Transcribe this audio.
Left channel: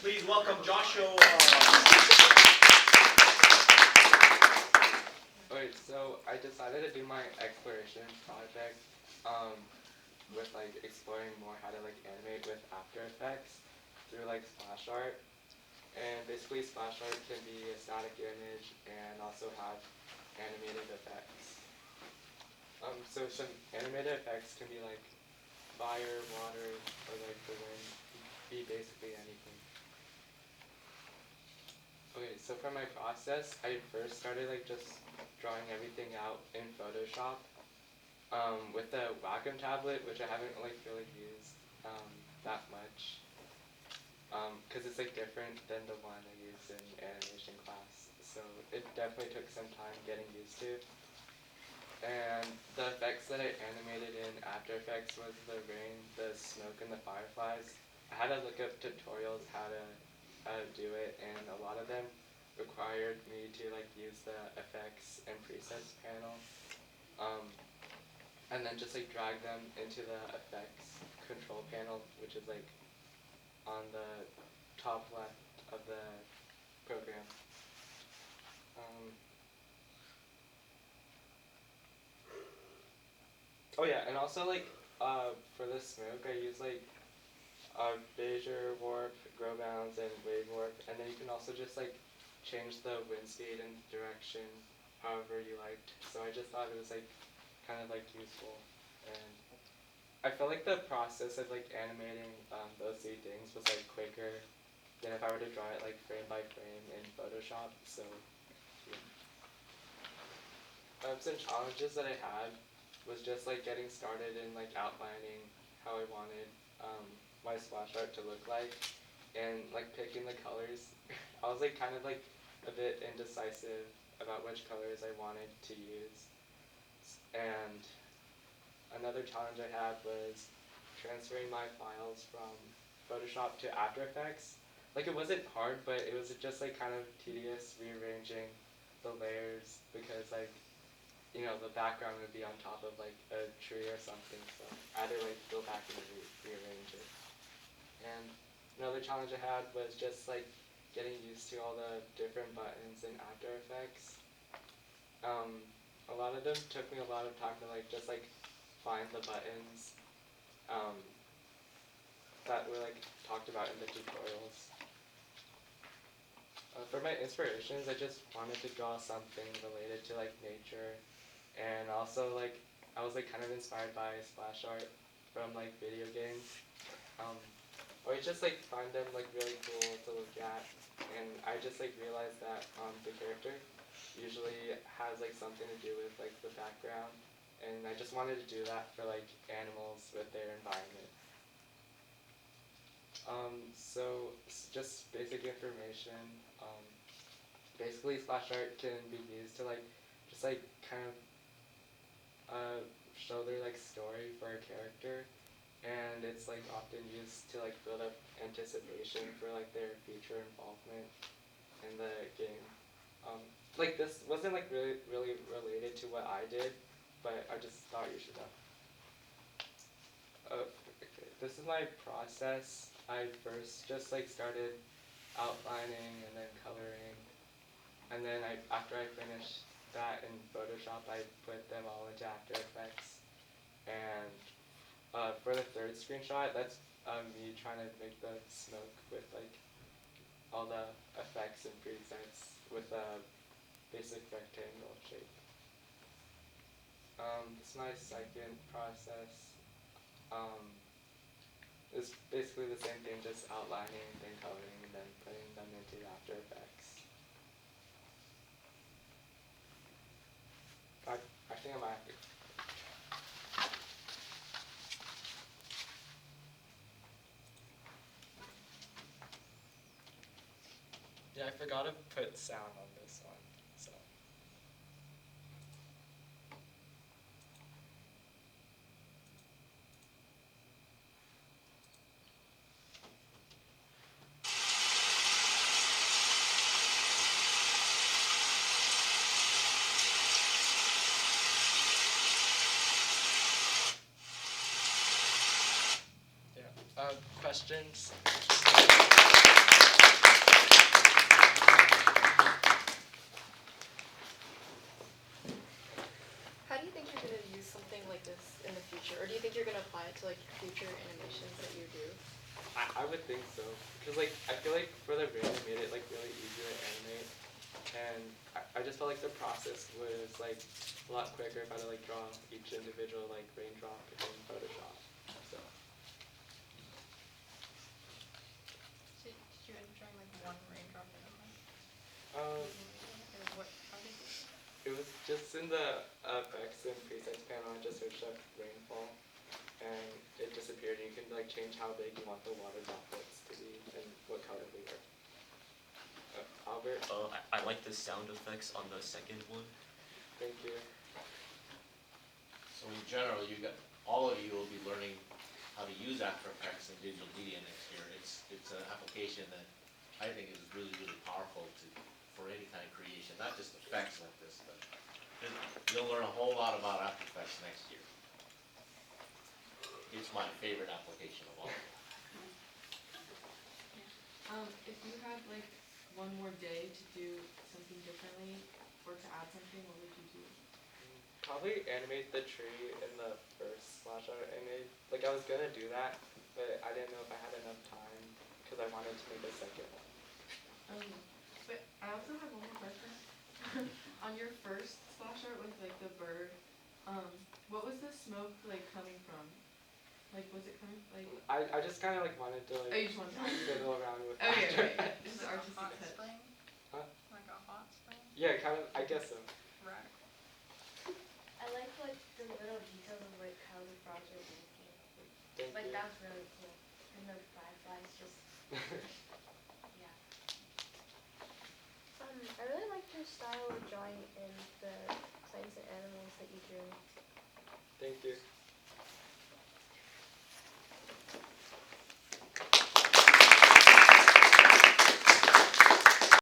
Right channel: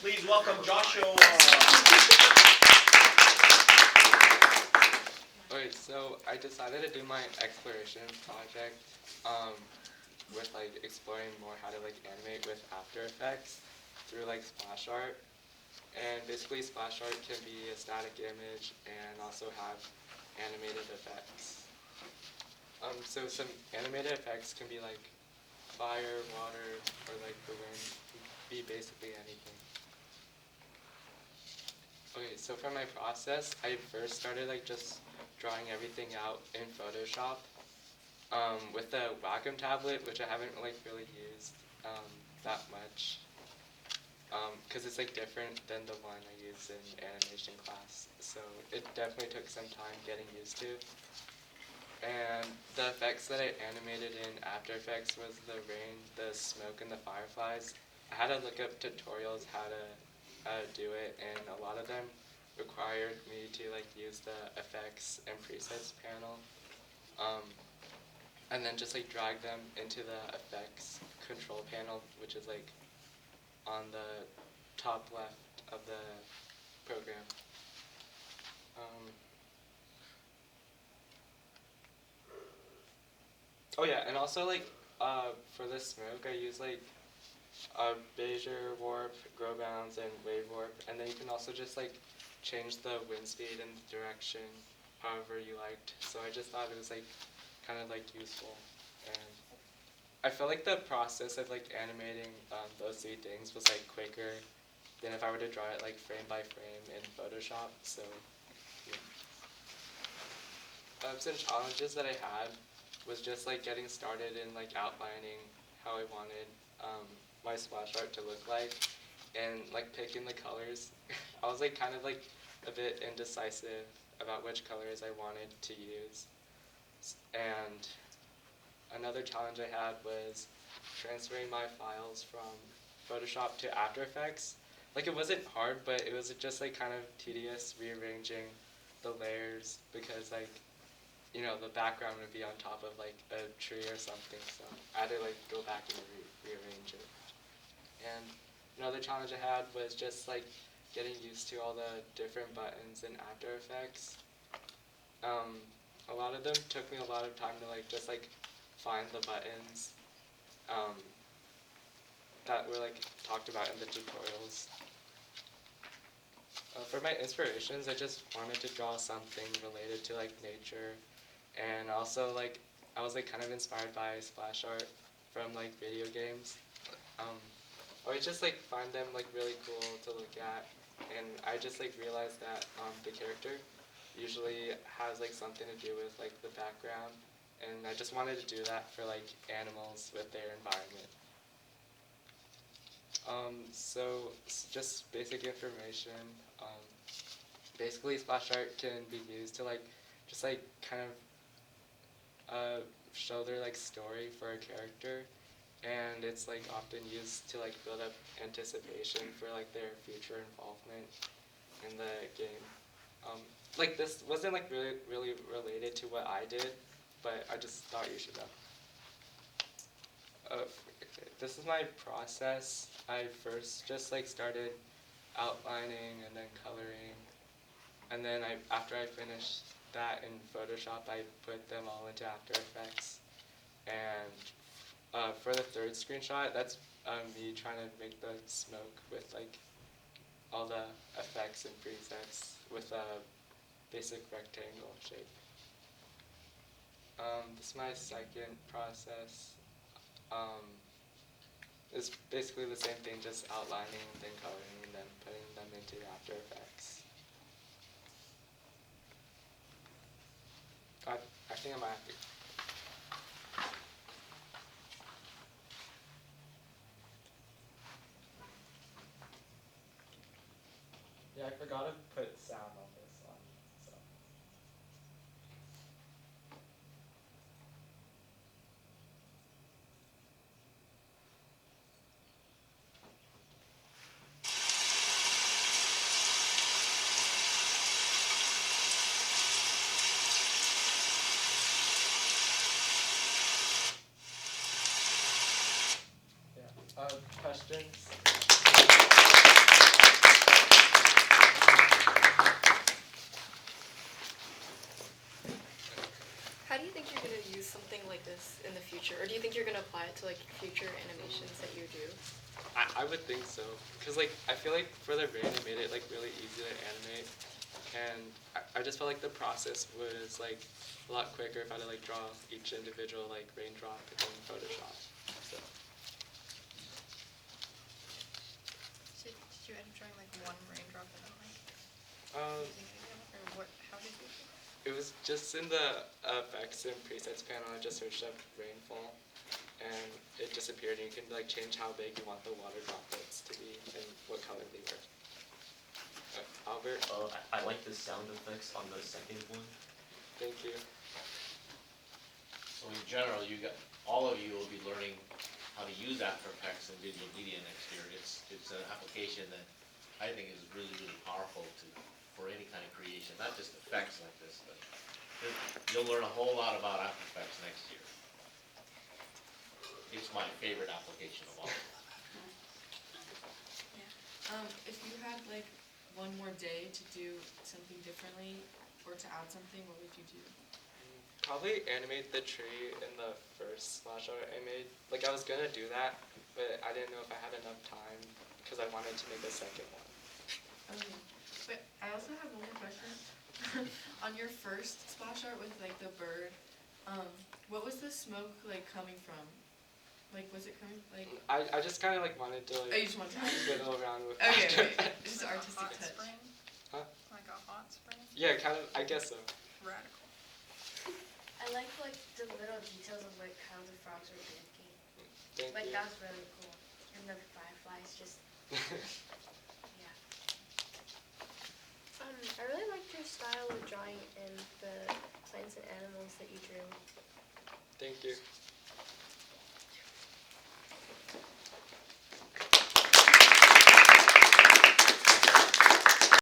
Please welcome Joshua. Okay, so I decided to do my exploration project with like exploring more how to like animate with After Effects through like splash art. And basically splash art can be a static image and also have animated effects. So some animated effects can be like fire, water, or like the wind, be basically anything. Okay, so for my process, I first started like just drawing everything out in Photoshop with the Wacom tablet, which I haven't like really used that much because it's like different than the one I used in animation class. So it definitely took some time getting used to. And the effects that I animated in After Effects was the rain, the smoke, and the fireflies. I had to look up tutorials how to do it, and a lot of them required me to like use the effects and presets panel, um, and then just like drag them into the effects control panel, which is like on the top left of the program. Um, oh yeah, and also like for the smoke, I use like Bezier warp, grow bounds, and wave warp, and then you can also just like change the wind speed and direction however you liked. So I just thought it was like kind of like useful, and I felt like the process of like animating those three things was like quicker than if I were to draw it like frame by frame in Photoshop. So yeah. Some challenges that I had was just like getting started in like outlining how I wanted my splash art to look like, and like picking the colors. I was like kind of like a bit indecisive about which colors I wanted to use. And another challenge I had was transferring my files from Photoshop to After Effects. Like it wasn't hard, but it was just like kind of tedious rearranging the layers because like the background would be on top of like a tree or something, so I had to like go back and rearrange it. And another challenge I had was just like getting used to all the different buttons in After Effects. A lot of them took me a lot of time to like just like find the buttons um, that were like talked about in the tutorials. For my inspirations, I just wanted to draw something related to like nature, and also like I was like kind of inspired by splash art from like video games. Um, I would just like find them like really cool to look at, and I just like realized that the character usually has like something to do with like the background, and I just wanted to do that for like animals with their environment. Just basic information. Um, Basically, splash art can be used to like just like kind of show their like story for a character, and it's like often used to like build up anticipation for like their future involvement in the game. Um, like this wasn't like really related to what I did, but I just thought you should know. This is my process. I first just like started outlining and then coloring, and then after I finished that in Photoshop, I put them all into After Effects. And for the third screenshot, that's me trying to make the smoke with like all the effects and presets with a basic rectangle shape. This is my second process. Um, it's basically the same thing, just outlining, then coloring, and then putting them into After Effects. I think I might have to. Yeah, I forgot to put sound on this one, so. Yeah. Questions? would think so, because like I feel like for the rain they made it like really easy to animate, and I just felt like the process was like a lot quicker if I had to like draw each individual like raindrop in Photoshop. So Did you end up drawing like one raindrop in a like um, or what? How did you? it was just in the effects and presets panel. I just searched up rainfall, and it disappeared. And you can like change how big you want the water droplets to be and what color they were. Albert, I like the sound effects on the second one. thank you. So in general, all of you will be learning how to use After Effects and digital media next year. It's an application that I think is really, really powerful for any kind of creation, not just effects like this, but you'll learn a whole lot about After Effects next year. It's my favorite application of all. If you had like one more day to do something differently or to add something, what would you do? Probably animate the tree in the first splash art I made. Like I was gonna do that, but I didn't know if I had enough time because I wanted to make a second one. Okay. But I also have one more question. On your first splash art with like the bird, what was the smoke like coming from? Like was it coming like? I just kind of like wanted to Oh, like you just want to. fiddle around with. Okay, After okay. Effects. Just artistic Hot touch. spring? Huh? Like a hot spring? Yeah, kind of. I guess so. Radical. I like the little details of like how the frogs are blinking. Thank Like you. that was really cool. And the fireflies just yeah. I really liked your style of drawing and the plants and animals that you drew. Thank you.